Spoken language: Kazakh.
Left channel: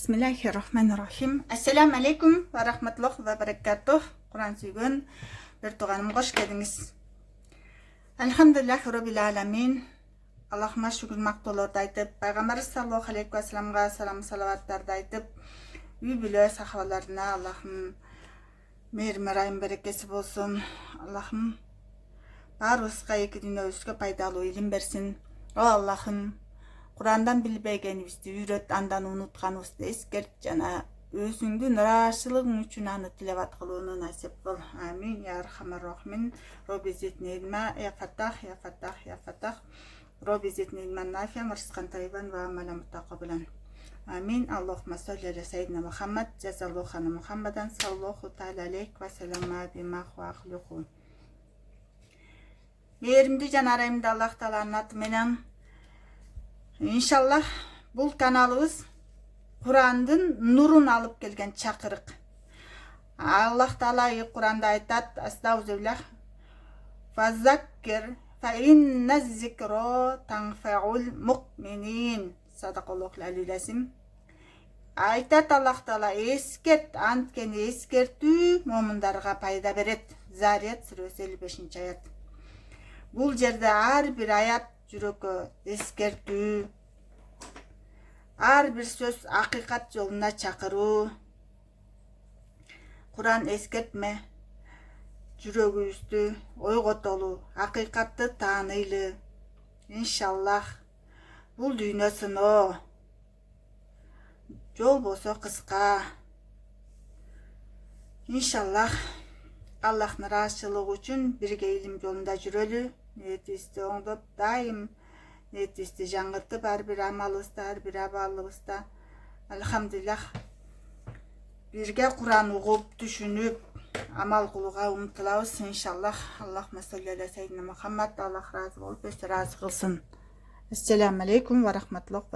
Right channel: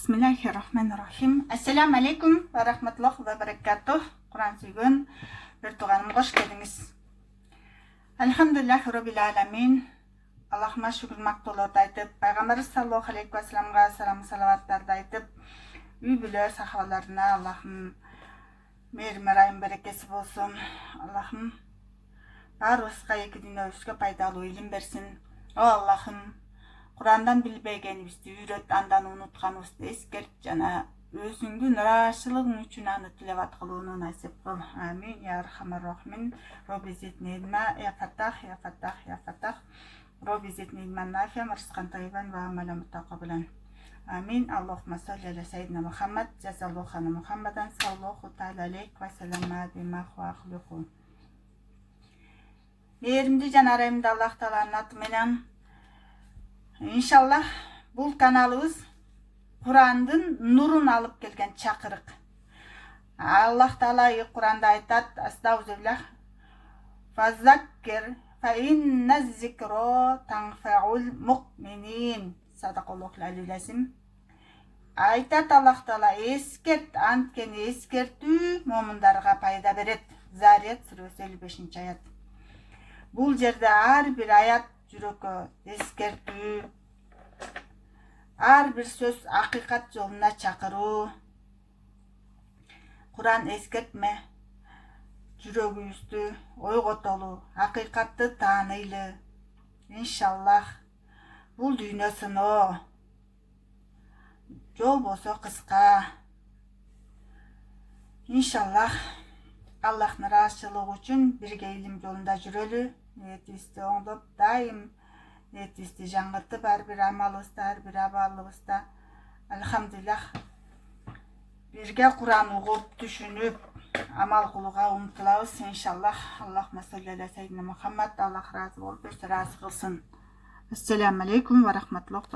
Bismillahirrahmanirrahim. Assalamu alaikum va rahmatullohi va barakatuh. Kur'an suygan bir tuğanım hoş geldiniz. Elhamdülillahi Rabbil alamin. Allah'ıma şükür maktolar da aytıp, Peygamber sallallahu aleyhi ve sellem'e selam salavatlar da aytıp, übülü sahabalarına Allah'ım merayın berekesi olsun. Allah'ım bar ısqa iki dünya üstüge paydalı ilim versin. O Allah'ım Kur'an'dan bilbegenibizdi, үйрөт, andan unutkanыбызды eskert jana özüңdүн ырашылыгың үчүн аны тилават кылууну насип кыл. Амин я архамар рахимин. Робби зидни илма, я фаттах, я фаттах, я фаттах. Робби зидни илман нафиан, ризкан таййибан ва амалан мутакаббалан. Амин. Аллахумма салли аля сайидина Мухаммад, жазаллаху ана Мухаммадан саллаллаху таала алейхи ва саллама бима хуахлуху. Мээримди жана арайымды Аллах Тааланын аты менен İnşallah bu kanalımız Kur'an'ın nurunu alıp gelgen çakırık. Allah Teala Kur'an'da aytat, Estağfirullah. Fazakkir fe inne zikro tanfe'ul mu'minin. Sadakallahul aliyyil. Aytat Allah Teala eskert, antkeni eskertü mu'mindarga payda beret. Zariyat suresi 55. ayat. Bu yerde her bir ayat жүрөккө эскертүү, ар бир сөз акыйкат жолуна чакыруу. Кур'ан эскертме, жүрөгүбүздү ойготолу, акыйкатты тааныйлы. Иншаллах бул дүйнө сыноо, жол болсо кыска. Иншаллах Аллахтын ыраазычылыгы үчүн бирге илим жолунда жүрөлү. Niyetimizi oңдоп, daim niyetimizi жаңыртып, ар бир амалыбызда, ар бир абалыбызда алхамдулиллах бирге Кур'ан угуп, түшүнүп, амал кылууга умтулабыз иншаллах. Аллахумма салли аля сайидина Мухаммад. Аллах разы болуп, өзү разы кылсын. Ассаламу алейкум ва рахматуллах.